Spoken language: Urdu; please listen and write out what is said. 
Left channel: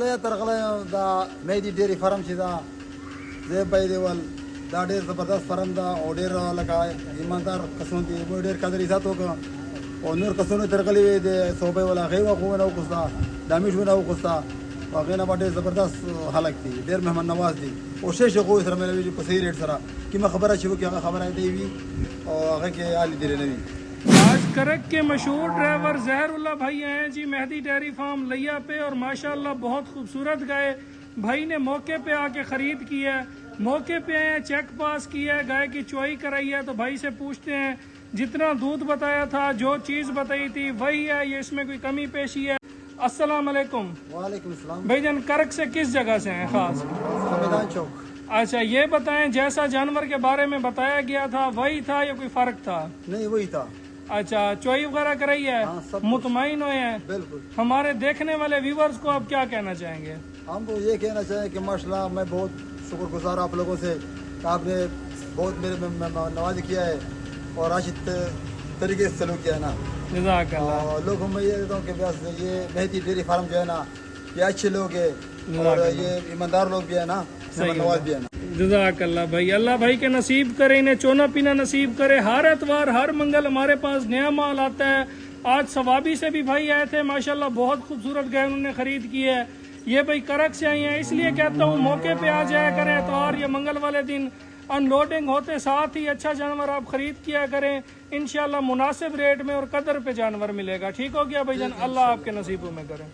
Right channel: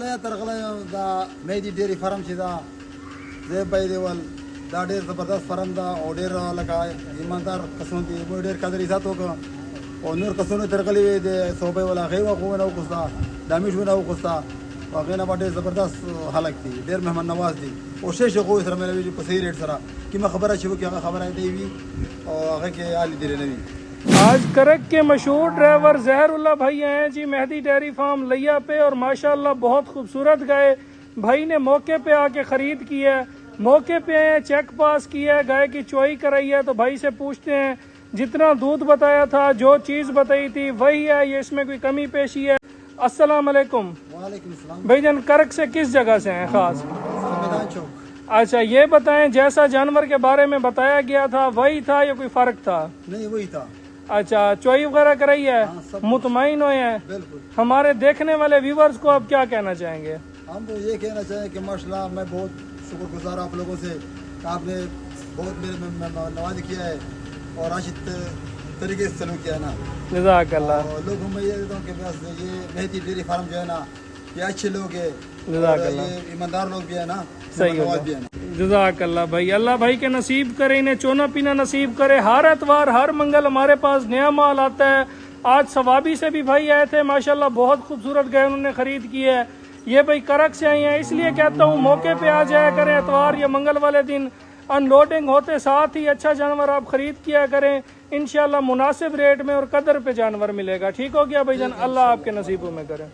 ترغله دا مهدي ډيري فارم چې دا زه به دی ول دا ډېر زبردست فارم دا او ډېر لکه ایماندار کسان دي مو ډېر قدر عزت وکړه او نور کسانو ترغلي وي د صوبې ولا غیوا خو نه وکړه دامیش نه وکړه واقعا باندې زبردست خلک دي ډېر مهمان نواز دي او شیشه خو سره ملوي په صحیح ریټ سره کیما خبره چې وکي هغه خبره دی وی او هغه کې عالی دی نه وی. آج کرک کے مشہور ڈرائیور زہر اللہ بھائی ہیں جی مہدی ڈیری فارم لیا پہ اور ماشاءاللہ بہت خوبصورت گائے بھائی نے موقع پہ آ کے خرید کی ہے, موقع پہ آئے چیک پاس کیا ہے, گائے کی چوائی کرائی ہے. تو بھائی سے پوچھتے ہیں جتنا دودھ بتایا تھا جو چیز بتائی تھی وہی ہے یہ اس میں کوئی کمی پیشی ہے؟ السلام علیکم. وعلیکم السلام. بھائی جان کرک سے کس جگہ سے ہیں خاص؟ میدان چوک. اچھا یہ بتائیں جیسا جانور کے بارے میں بتایا گیا تھا وہی تھا یا کوئی فرق تھا؟ نہیں وہی تھا. اچھا چوائی وغیرہ کرائی ہے, مطمئن ہوئے ہیں؟ بالکل. ہمارے دیکھنے والے ویورز کو آپ کیا کہنا چاہیں گے؟ ہم تو یہ کہنا چاہیں کہ ماشاءاللہ میں بہت شکر گزار آپ لوگوں سے کہ آپ نے بہت میرے نوازی کیا ہے اور راشد طریقے سے سلوک کیا ہے نا. جزاک اللہ. اور لوگوں میں یہ دیتا ہوں کہ بس یہ مہدی ڈیری فارم جو ہے نا یہ اچھے لوگ ہیں اور یہ ایماندار لوگ بھی ہے نا, نواز بھی ہے نا. جزاک اللہ بھائی, اللہ بھائی کے نصیب کرے, انہیں چونا پینا نصیب کرے. ہر اتوار ہر منگل ہمارے پاس نیا مال آتا ہے. آج ثوابی سے بھی بھائی آئے تھے ماشاءاللہ بہت خوبصورت گئے انہوں نے خرید کی ہے. یہ بھائی کرک سے آئی ہیں اس لیے کہتا ہوں موقع پہ آ جایا کریں اتوار یا منگل والے دن. ان لوڈنگ ہوتے ساتھ ہی اچھا جانور آپ خرید کیا کریں, انشاءاللہ مناسب ریٹ میں اور قدر پہ جانور ملے گا. ٹھیک ہو گیا بھائی جان, اللہ آپ کے نصیبوں میں کرے.